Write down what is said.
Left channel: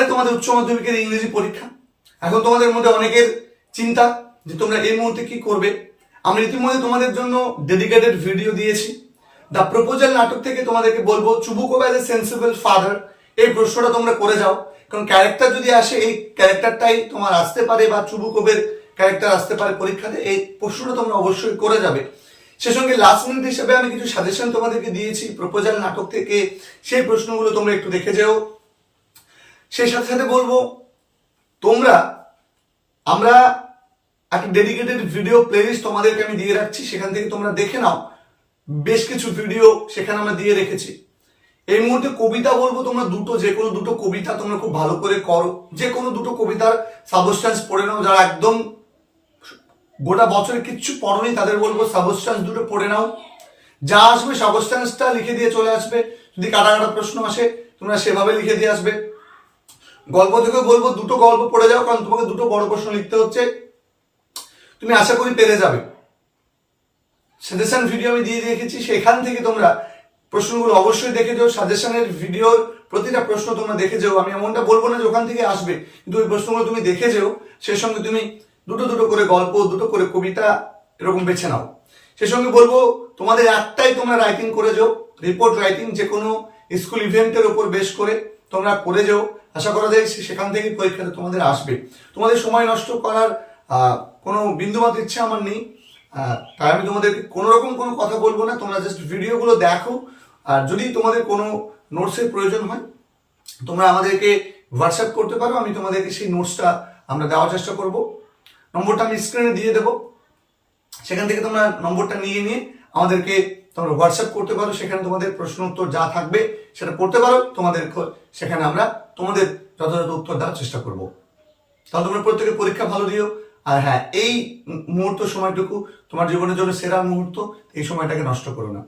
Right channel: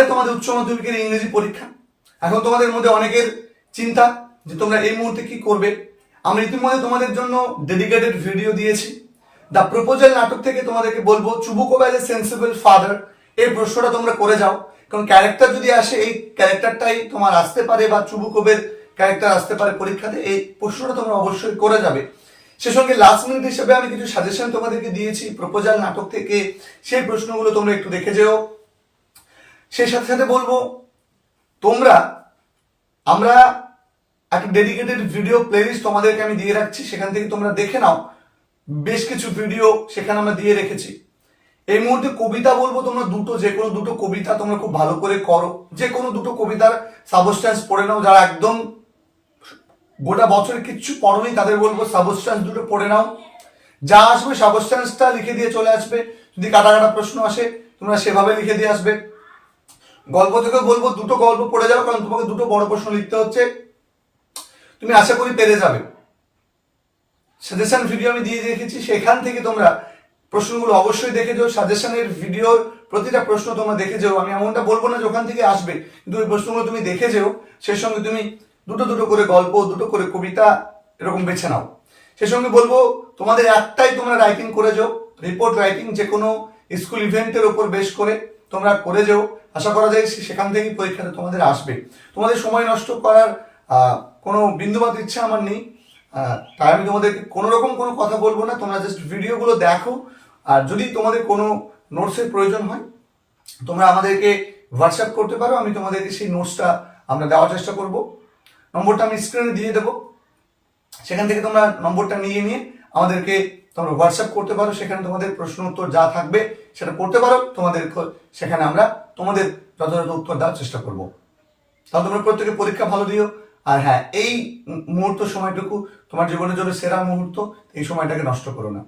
সামনে তোমাদের উচ্চ মাধ্যমিকের ইংরেজি পরীক্ষা? এখন তোমাদের মধ্যে অনেকের চিন্তা যে তোমরা এই মুহূর্তে কি করবে? আমরা ইতিমধ্যে তোমাদের জন্য ডেডিকেটেড ভিডিও দিয়েছি। দ্য প্রপোজাল নাটক থেকে তোমাদেরকে বলব Chubukov as a sensible father এই প্রশ্নটা তোমরা করে যাও। কারণ ক্যারেক্টার যদি আসে, এই ক্যারেক্টারটাই তোমার আসতে পারে বা চুবুকবের ক্যারেক্টার আসতে পারে পরীক্ষাতে, এই প্রশ্নটা তোমরা অবশ্যই করে যাবে। সে সঙ্গে লাস্ট মিনিট হিসেবে আমি কিছু সাজেশন তোমাদেরকে দিয়েছি প্রপোজাল নাটক থেকে। সেই প্রশ্নগুলো তোমরা একটু দেখে যেও। সেই সাথে সাথে বলব, তোমরা, আমরা একটা ডেডিকেটেড ভিডিও প্লেলিস্ট তোমাদেরকে আমি দিয়ে রাখছি, সেখান থেকে তোমরা দেখে নাও। বেশ কিছু ভিডিও সেখানে আমরা দিয়ে রেখেছি। এই মুহূর্তে কবিতা বলব, তোমরা দুটো, যে কোনো দুটো কবিতা তোমরা খুব ভালো করে করো। যে কোনো দুটো কবিতার সাবস্টান্স পড়ে নাও, যারা একদম গোটা বছরে কিচ্ছু পড়োনি, তাদের বলব সাবস্টান্স দুটো পড়ে নাও। যা আসবে সাবস্টান্সটা লিখে দিয়ে চলে আসবে। যদি কাটা কাটা প্রশ্ন আসে, তোমরা সেভাবে লিখে দিয়ে আসবে। গল্প থেকে বলব, দুটো গল্প পড়ে যাও, কারণ তোমাকে দুটো বড় প্রশ্ন লিখতে হচ্ছে। তুমি আশা করি পেরে যাবে। সাজেশন ভিডিও আমি দিয়ে রেখেছি, সেখান থেকে তোমরা প্রশ্নগুলো অবশ্যই দেখে যাও। সাজেশনের ভিডিওর প্রতিটা প্রশ্ন তোমরা দেখে যাও। আমি এমনটা বলব না যে ওখান থেকে আসবে, কিন্তু ওই প্রশ্নগুলো তুমি দেখে যেও। সেই সঙ্গে তুমি দুটো দুটো করে গল্প, দুটো করে কবিতা এরকম বেছে নাও। সেই সঙ্গে বলব, তোমাদের একটাই তোমরা রাইটিং করে যাও। রিপোর্ট রাইটিং যে কোনো স্কুল ইভেন্টের ওপর বেশ করে। তোমরা করে যেও। আশা করা যায় সেখান থেকেই পরীক্ষাতে তোমাদের আসবে। তোমাদের সময় নষ্ট করার কোনো বিন্দুমাত্র ইচ্ছা আমার নেই। তাই আমি তোমাদেরকে কোনো রকম কোনো কথা বলব না। তোমরা জাস্ট ভিডিওগুলো দেখো। আর যদি তোমাদের কোনো নোটসের প্রয়োজন হয়, তোমরা আমাদেরকে হোয়াটসঅ্যাপ করতে পারো। আমি তোমাদেরকে সেই নোটসটা আমরা দেওয়ার চেষ্টা করব। নম্বরটা আমি স্ক্রিনে দিয়ে দেবো। সেখান থেকে তোমরা নম্বরটা নিয়ে নিয়ে আমাদেরকে তোমরা হোয়াটসঅ্যাপ করতে পারো, সেখানে তোমাদের প্রশ্ন উত্তর যা থাকবে সেটা করতে পারো। তোমাদের সেখানে আমরা তোমাদের যথাযথ উত্তর দেওয়ার চেষ্টা করব। তাহলে তোমরা প্রত্যেকে পরীক্ষা ভালো দিও। আর হ্যাঁ এই মুহূর্ত সময়টুকু তোমার জীবনের জন্য সেরা মুহূর্ত, এই সময়টাকে নষ্ট করো না।